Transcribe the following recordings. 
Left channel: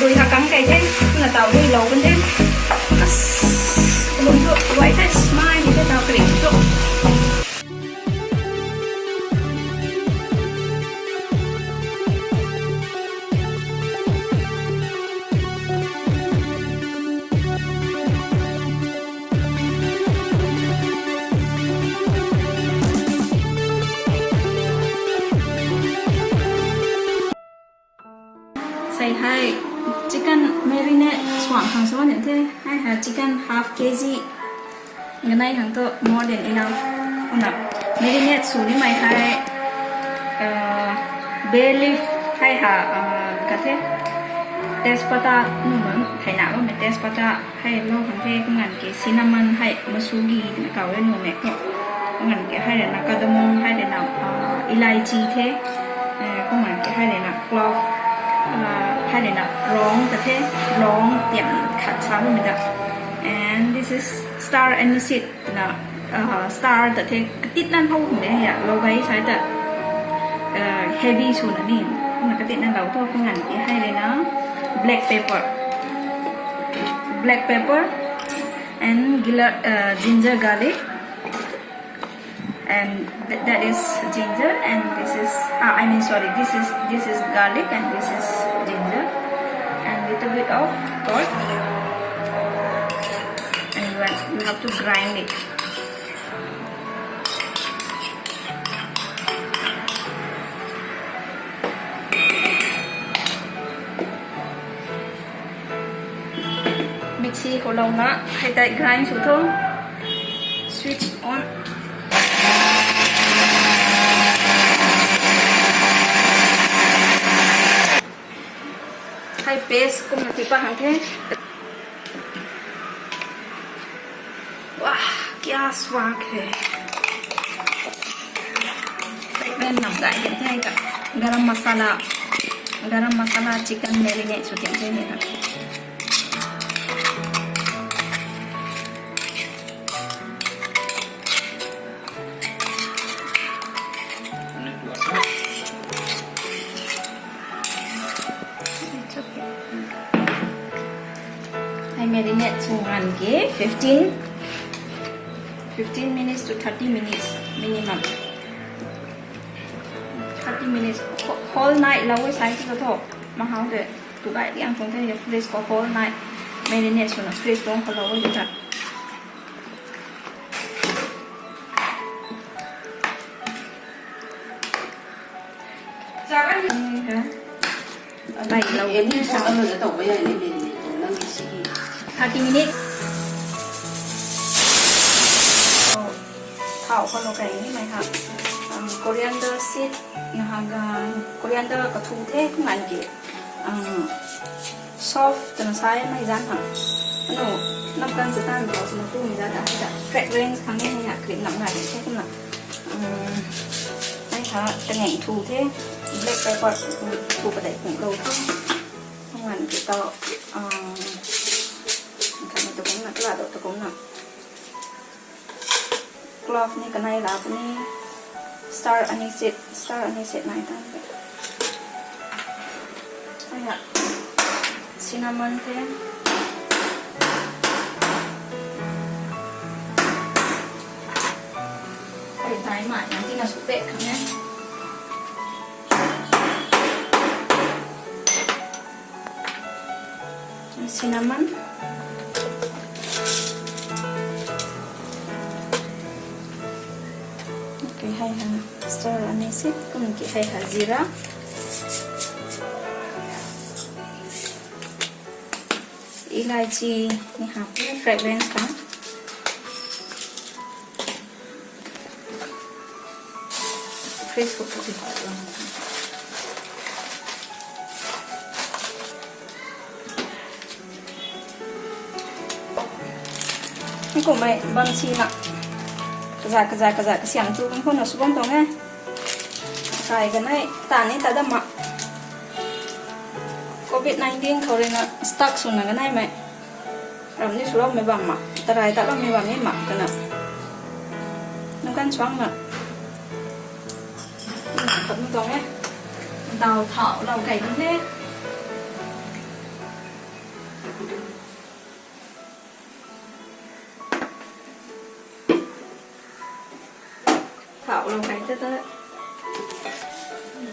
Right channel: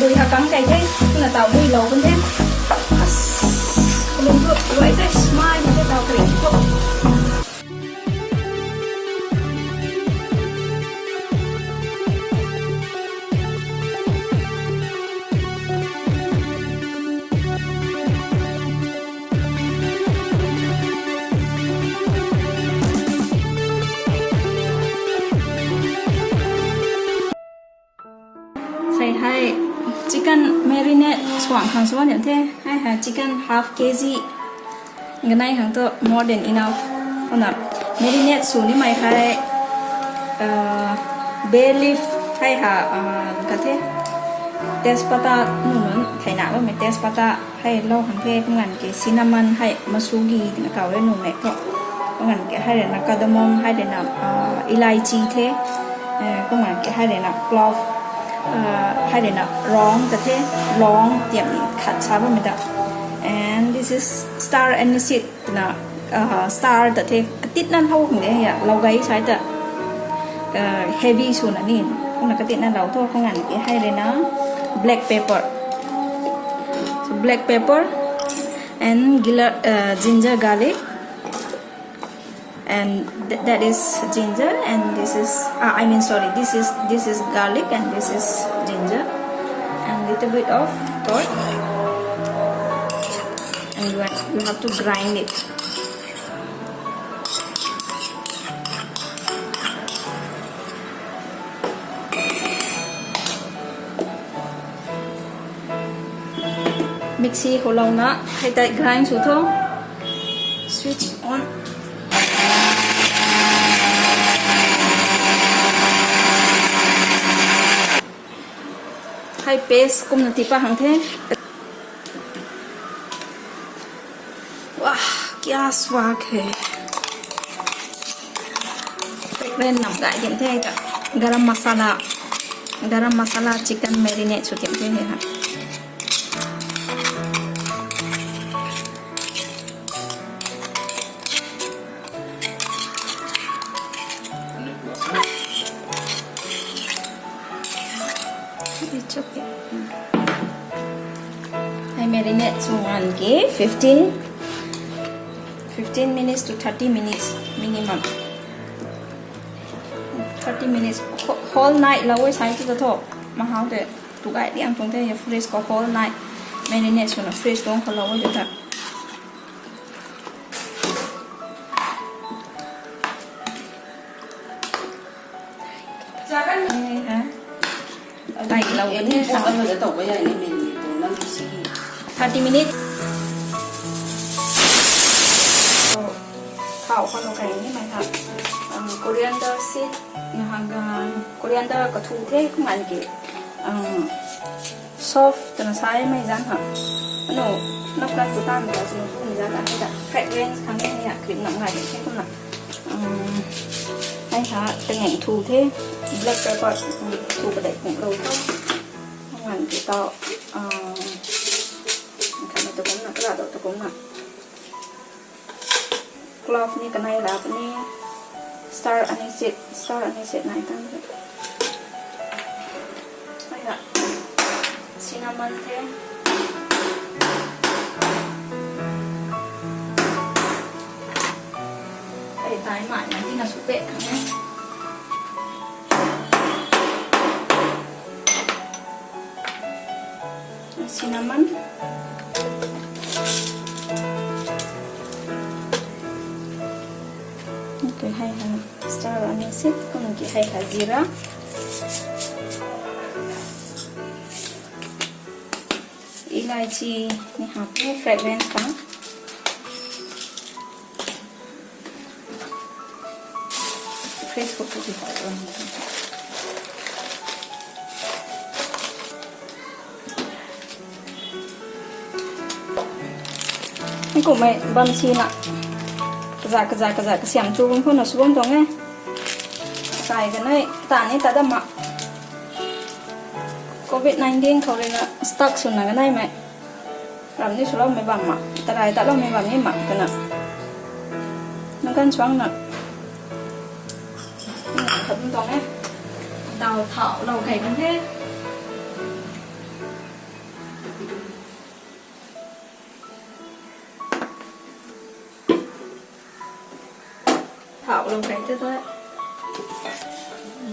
đùi thà cắn cái thế là tàu đùi lâu bên thế luôn được vậy thế smile thì thế tàu kể chỗ say hai chicken marinade soang hàng số nhận thế hai hà chicken half kg cái này hàng to more than enough con nào marinade số này mày hai bay leaf hai hà cái thế tespata numan thay nào mà tespata hay lo hàng thế cũng ngàn cái cinnamon hay masugi cái cào lên numan này cũng ngàn cái hai là cardamom hai là elaichi thế cũng ngàn cái hai là clove hai để nào rongแต่แค่ร้องเตรียมขัดช้าพวกมันจะ and this is star anise นะstar แต่แค่ติดนั่นเท่าของเนี่ยเราไว้ใช้แต่heavy ส่วนนี้พวกมันก็ติดนั่นเราทั่วพวกนั้นให้เลยนะ black pepper and ginger garlic and that is ginger and this is this is garlic and this is ginger and little bit of pork and you have to grind it mixie củaเรานะให้ได้ grind สุดท้าย switch on hay paste cũng là tipa hàng thế wow kia swag है bên nằm đại hiện thế cả garam masala chicken marinade số tiền thế này hả I marinate one ke 15 minutes to 30 minutes minimum 30 minutes whole night là với sáng cái thôi mà không được tụ cái đi ăn không thể freeze có whole night marinate cho nó freeze có không lâu được thật này là em như sao ăn được tổ bây giờ nên mình nâng cái gì 30 minutes thảo con nó cái này hả coriander seed hàng coriander có thu thế không ăn kì soft từ sai mấy rán hả nó đang của ta mình bảo từ thu mình ra đã hay đã fragrance thằng này hay cream nặng này thế không nào đây hả cái ngành thu thế black pepper thu vào đây cũng đâu không ăn kì to cái này tôi cũng là cái là tôi cũng là clove ni cái này là cái này star anise này thôi hay là cinnamon thế để thái mại nhắn tin là số tệ không nhé cinnamon okay hay hà star anise có một cái hay hà zira elaichi này hạt cái fragrance cả Facebook của chị phải làm cái của mày băng xi nè cái xiang tu không là xuống toàn nghe cái này tàn ta đâm mà COVID-19 เขาเลยนะสต็อกส่วนไหนได้ไหมเราไม่สุดเราไม่บังมาแต่ไรแต่เราไม่บังไม่หมักกันนะมันกันช่วงน่ะผมตรงนี้đào thọ đào cày cũng thế thảo lồng cái cho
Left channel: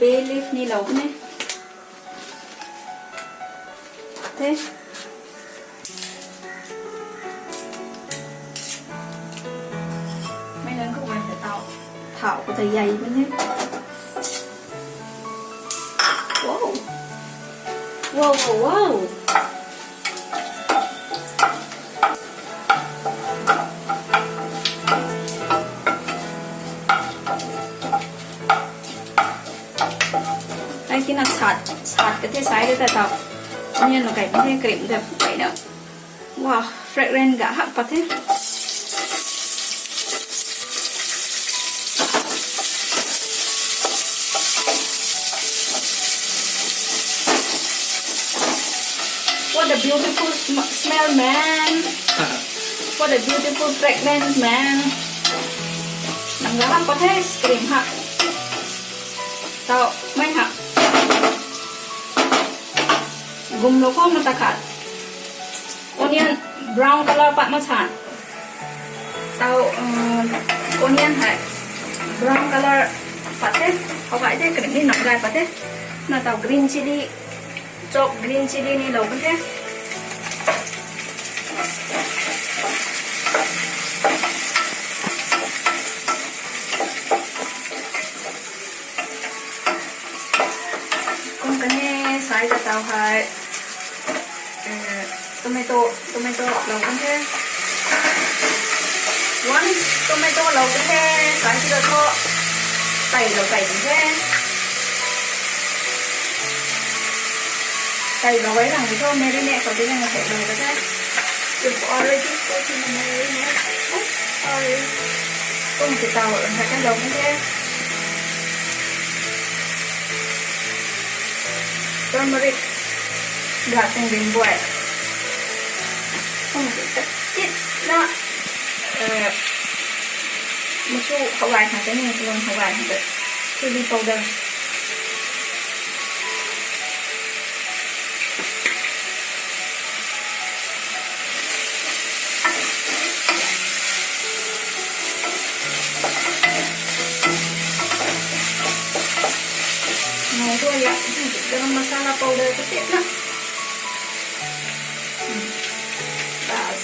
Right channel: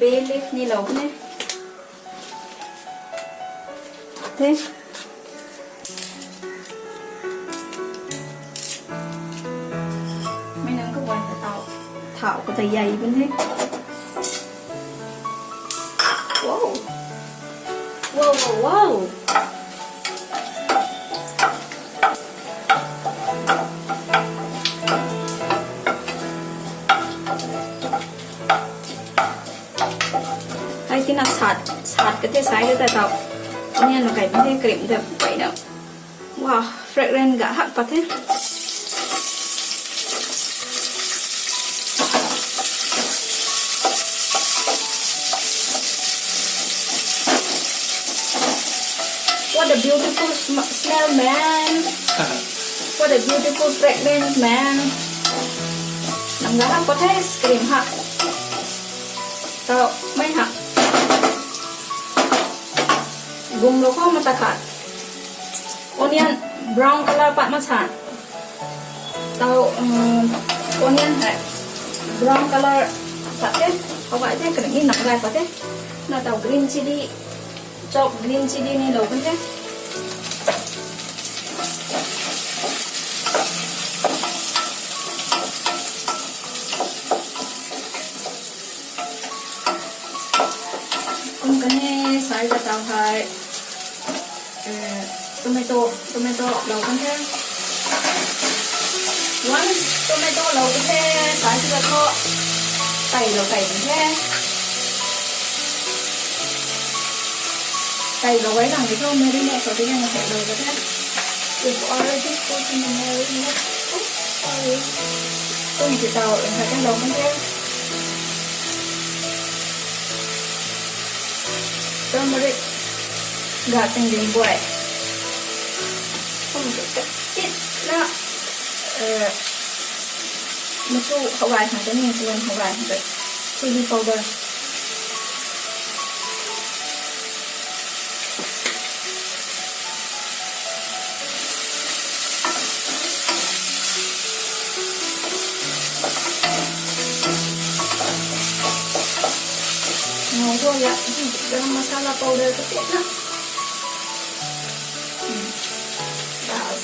bay leaf ni lẩu này thế mấy nắng cũng phải tạo thảo của thầy dày bên hết. Wow wow wow wow. Đây là sạt cái thế sái để tạo nên nó cái thế cream được vậy đó. Wow, fragrant gak hak pat thế. What a beautiful smell, man. What a beautiful fragrance, man. Nang gak hak pat thế, cream hak. Tao mấy hak. Gum lo ko matakat. Onion brown color pat machan. Tao onion hai brown color pat thế. Không phải thế cái này nặng gai pat thế. Nó tao green chili chop green chili này lâu thế. Con cái này sai cho tao hai tomato lâu thế. One tomato lâu thế. Sai cho tao tẩy lâu cải thế. Tẩy lâu ấy rằng cái thôi marinate sau đó là tẩy lâu thế. You've already taken the marinate. Oops, sorry. Không thì tao phải cái lâu thế. Turmeric gạt thành viên bụi không phải cắt chết đó một số hậu vải hàng cái này luôn hậu vải hàng cái chili powder này thôi ạ, garam masala powder cái tiết đó. Bas.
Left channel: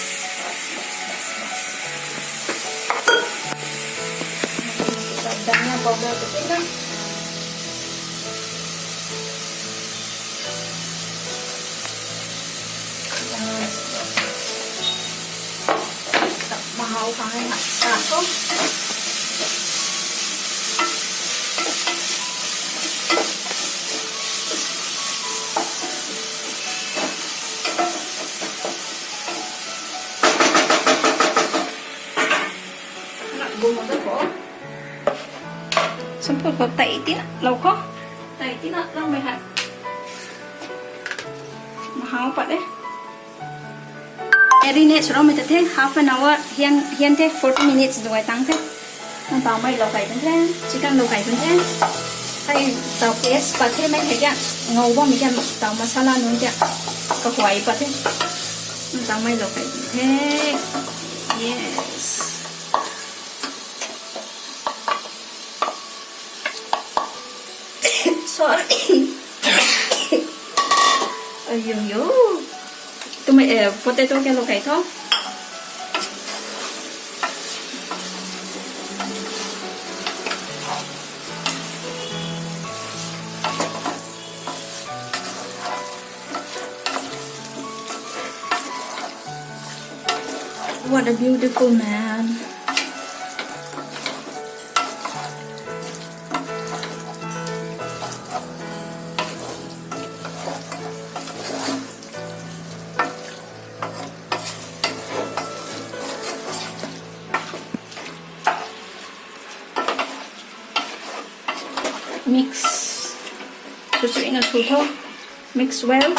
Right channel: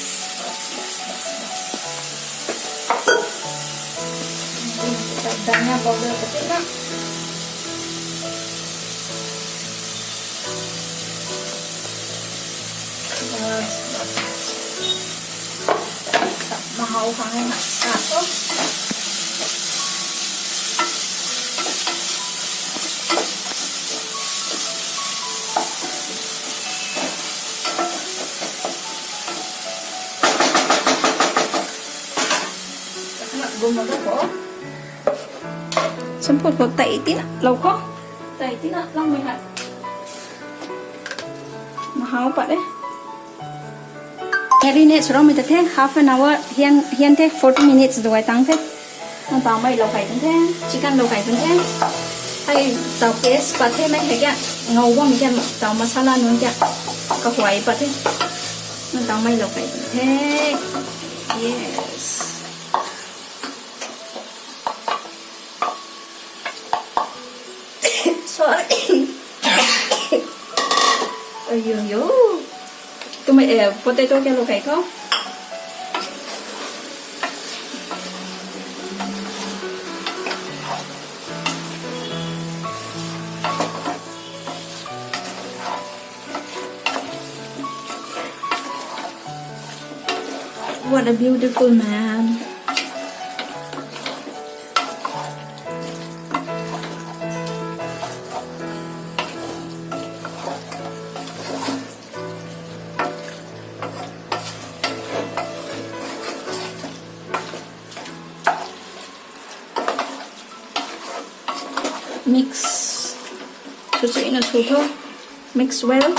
Dana powder cái tiết đó. Mahal khang hạt satu. Semput kau tak itu lau kau tak itu nak lang mai hat mahal pak deh. Marinate sudah mình thế half an hour hiên thế 40 minutes rồi tăng thế. Mình tao mai lau cải thế chỉ cần lau cải thế hay tao cái spot thế mấy cái ngầu quá mình cho tao masala nữa chứ có hoài pak thế mình tao mai lau cải thế. Yes. Sorry. Ayo. Tụi mày potato cho lục hải thôi. What a beautiful man. Mix cho chị nó sụt thôi. Mix well.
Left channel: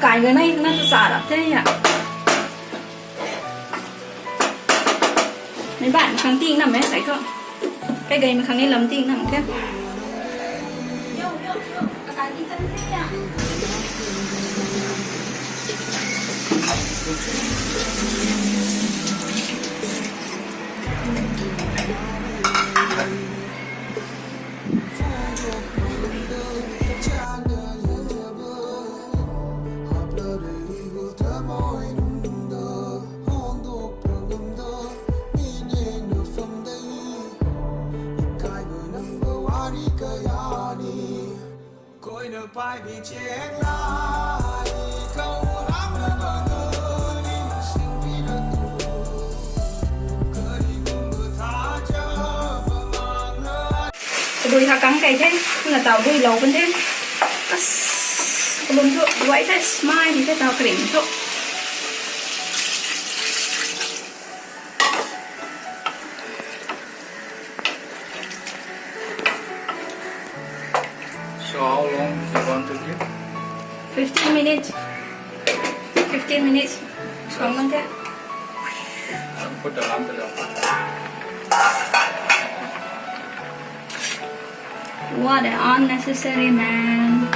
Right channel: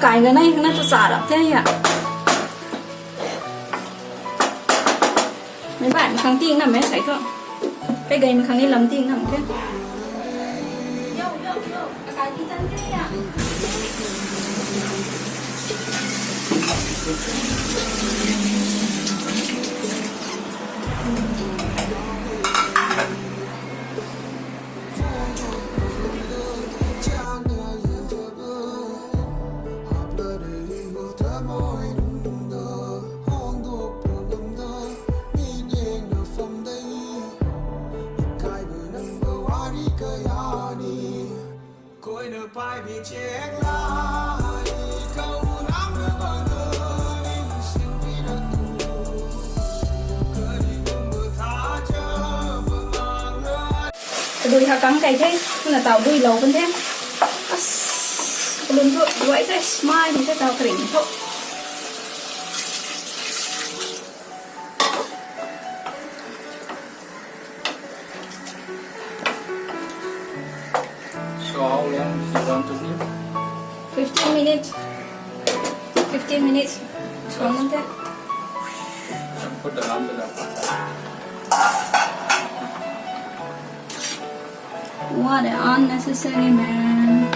Cái này nó cho xả lắm thế ạ. Mấy bạn kháng tiên nằm ấy thấy không? Cái gầy mà kháng lên lắm tiên nằm kia. Cái tiên chân thế ạ. Coi nợ pai bị chết lại câu lắm nữa bao giờ nên sinh vì đã tu cơ đi cùng bờ tha chờ bờ mang nơi đùi thà cắn cái thế là tàu đùi lâu bên thế luôn thôi vậy thế smile thì cái tàu kỉnh thôi So how long do you want to give? 15 minutes 15 minutes xuống bên thế Put the lamp below. what an unnecessary man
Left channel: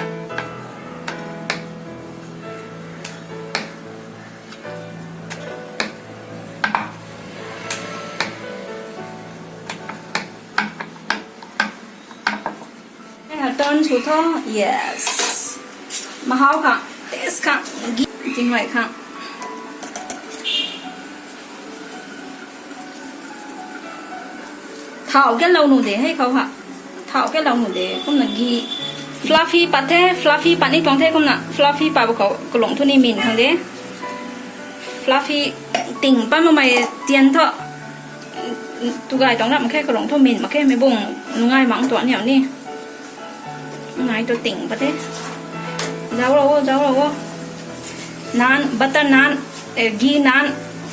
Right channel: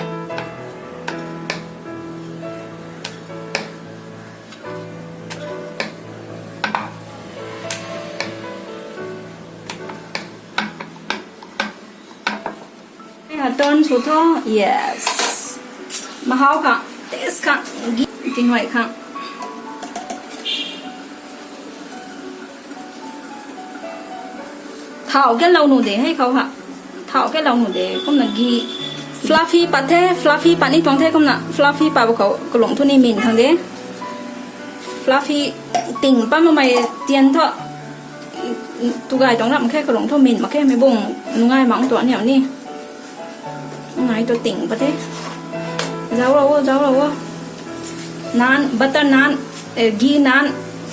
turn số thơ yes mà họ cả test cả tiếng ngoại cả thảo cái lâu nụ để hay không hả thảo cái lâu nụ để không là ghi fluffy bát thế fluffy bát này trong thế không nè fluffy bát của cậu lồng thôi này mình thằng đấy fluffy tỉnh ba mà mày tiền thọ tụi gái trong làm cái lồng thôi mình mà cái mấy bông ngay mỏng toán nhở nè ngay tôi tỉnh bát thế giấu đâu nan butter nan ghee nan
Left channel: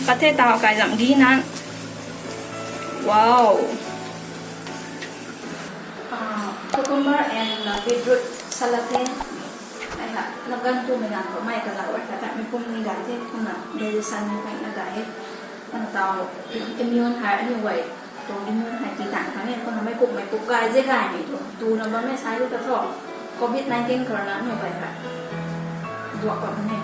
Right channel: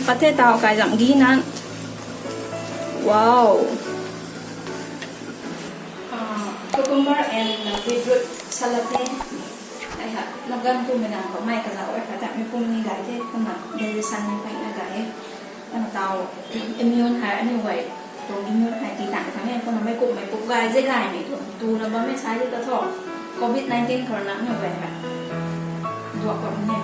bát thế tao cái giảm ghee nan wow cucumber and beetroot salad thế ai hả nó gần tu mình làm có may cả giáo ấy cả tại mình phun mình gái thế không là đây săn như vậy là gái con tàu immune hại như vậy tôi immune hại tí tạng tháng này con là mấy cục gái dễ gái này thôi tu là bao mấy sai được thọ COVID-19 corona như vậy hả dọa con này